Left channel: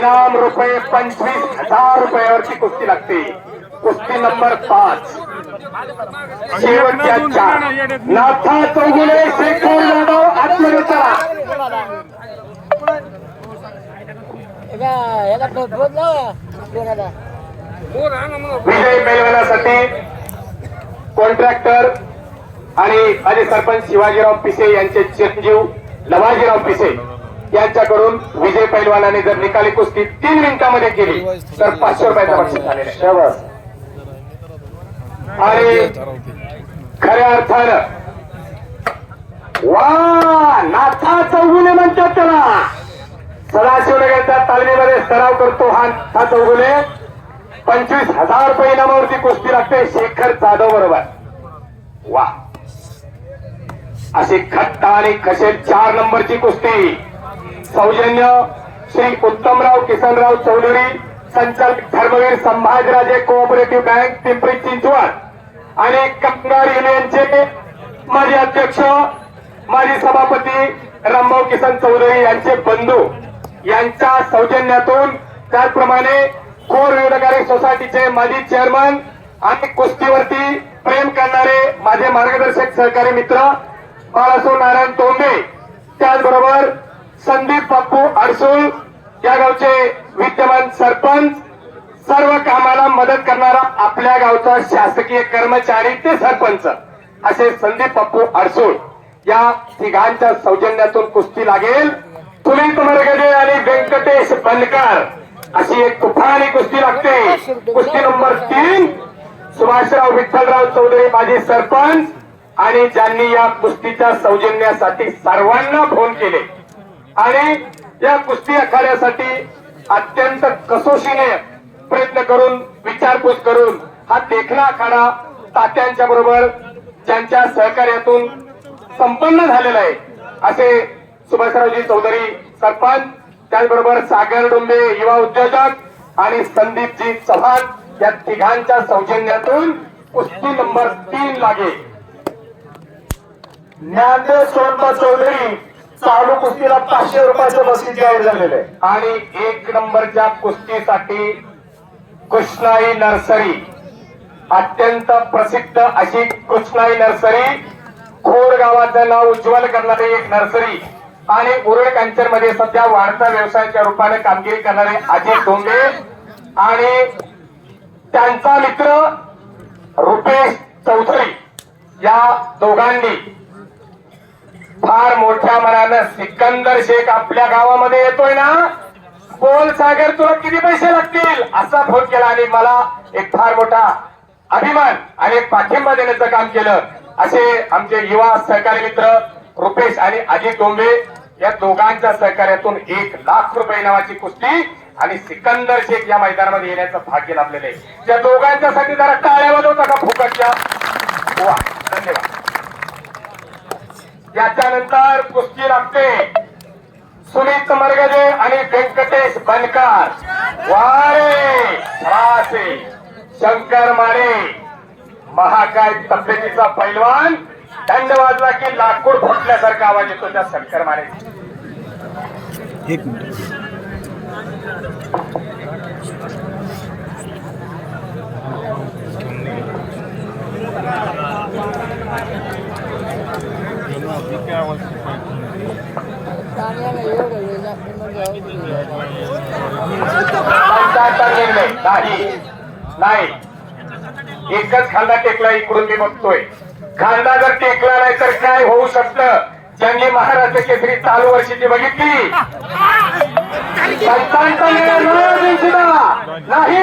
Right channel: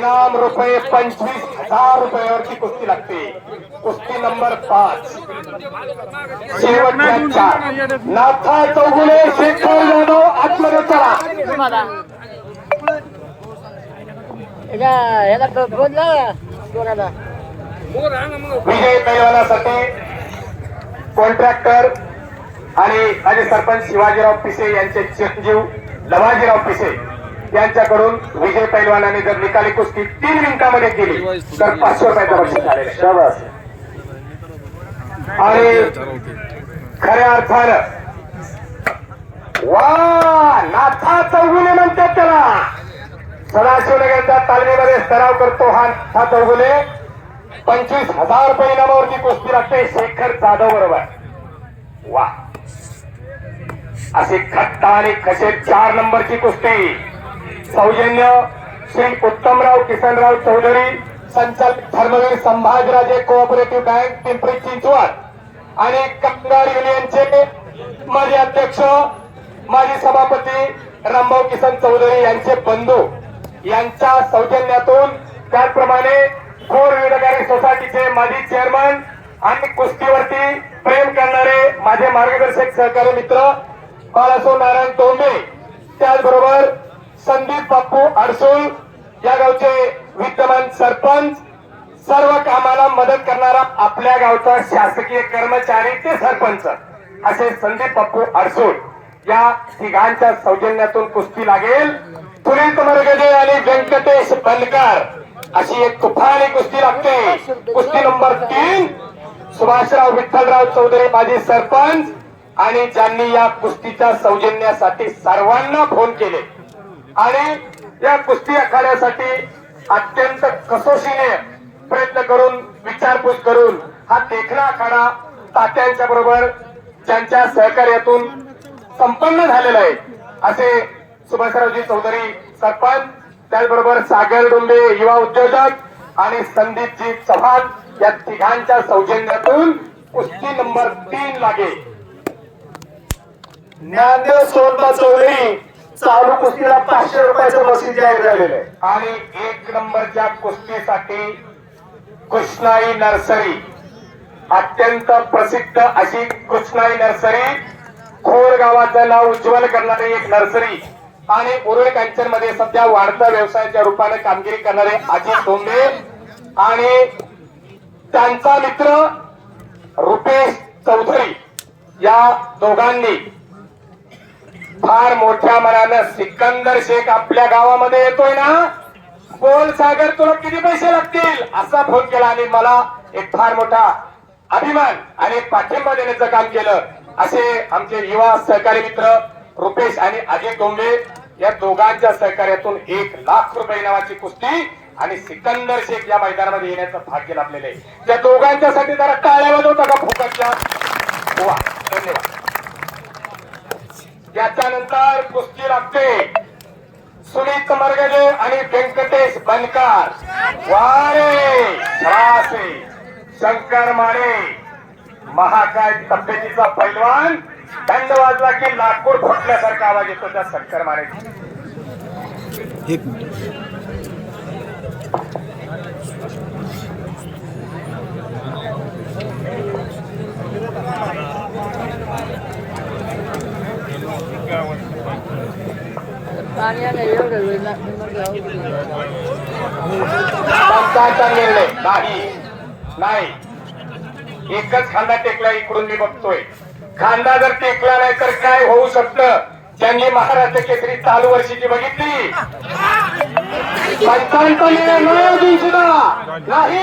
इनाम रुपये पंचवीस हजार रुपयावरची कुस्ती लागते. कुस्ती नंबर पाच. शेवटच्या चार. नाथा चौगुले शेखर ना. जोराला. विजय पैलवानासाठी कॉन्ट्रॅक्टर आणि आणि सरपंच शिवाजीराव पिसे यांचे चिरंजीव लवाजीराव पिसे. यांच्याकडून विजय पैलवानाने जर निकाली कुस्ती तीन मिनिटांमध्ये केली तर पाचशे रुपयाचं बक्षीस झालेलं. आणि खऱ्या अर्थानं वा नाथा चौगुले म्हणतात त्याला. सदाशिवनगरच्या तालमीमध्ये सराव करतो हा नाथा चौगुले. पंचवीस हजार रुपये इनामावरती कुस्ती लागते शेखर जाधव बरोबर. वा. अशी खट्टा आणि खशेत चार नंबरची कुस्ती. सौजन्य श्री उत्तमराव किसनराव चौधरी संचालक धर्मवीर संभाजराजे कोऑपरेटिव्ह बँक पिंपरी चिंचवड. आणि कामगार युनियनचे माजी अध्यक्ष माजी सभापती रामभाऊ किसन चौधरी यांचे बंधू यांच्या सौजन्यातून त्याचप्रमाणे कोर विभागारी सोसायटीचे माजी चेअरमन आणि कुस्तीवरती प्रेम करणारे माझे मार्गदर्शक सहकारी मित्र बाळासो नारायण तोंडे. त्याचबरोबर संदीप बापू अडसूळ या गावचे विद्यमान सरपंच सर्व कामाला मदत करणारा आपल्या गावचा शासकीय कर्मचारी ते सरपंच असे संदीप पप्पू अडसूळ या तिघांच्या सौजन्यातून कुस्ती लागेल. पुनीत मरगडे आणि व्यंकटेश बनकर. अशी एक कुफाणी कुस्ती लागते. कुस्ती नंबर तीन सुभाषराव विठ्ठलराव चौधरी माजी सरपंच आणि ज्यांनी या कुस्तीच्या सौजन्यासाठी सर्वांना फोन केले. आणि या कुस्ती आखाड्यासाठी अत्यंत कसोशीने प्रयत्न करून विचारपूस करून हा देखणा आखाडा तात्यांच्या बरोबर ज्यांच्या सहकार्यातून संपन्न झालेला आहे. असे सुभाषरावजी चौधरी सरपंच त्याचबरोबर सागर डोंबे युवा उद्योजक आणि संदीपजी चव्हाण या तिघांच्या सौजन्यातून कुस्ती नंबर तीन लागेल ज्ञानदेव सोनबा चौधरी चालू कुस्तीला पाचशे रुपयाचं बक्षीस जाहीर झालेलं आहे. आणि एक नंबरच्या कुस्तीसाठी कृष्णाई नर्सरी. अत्यंत प्रसिद्ध अशी कृष्णाई नर्सरी. खोर गावाचं नाव उज्ज्वल करणारी एक नर्सरी. आणि उरुळ कांचनमध्ये सध्या वाढत्या व्यवसायाच्या रूपाने कामगिरी करणारे अजित डोंगे आणि त्यांचा मित्र रुपेश चौधरी या दोघांनी फार मोठ्या मनानं सिकंदर शेख आपल्या गावामध्ये येतोय ना? बोल सागर तुला किती पैसे लागतील? असा फोन केला आणि मला एक फार मोठा अभिमान आणि एक पाठिंबा देण्याचं काम केलं. असे आमचे युवा सहकारी मित्र रुपेश आणि अजित डोंबे या दोघांच्या सहकार्यातून एक लाख रुपये नावाची कुस्ती आणि सिकंदर शेख या मैदानामध्ये येण्याचं भाग्य लाभलेलं आहे. त्या दोघांच्यासाठी जरा टाळ्या वाजवता का फुकटच्या? धन्यवाद. याच्यानंतर कुस्ती लागते. सुनीत मरगजे आणि व्यंकटेश बनकार. वारे छासे शंकर माने. महाकाय तब्येतीचा पैलवान. दंड वाजला की लाकूड फुटल्यासारखा आवाज येतो त्या शंकर माने एक मिनिट. निर्णय नाही. नाही एकच खांदा टेकला इकडून मी बघतोय. खांदा जर टेकला नाही तर काय होऊ शकतं? ज्यांनी महाराष्ट्र केसरी चालू वर्षीची बघितली. नाही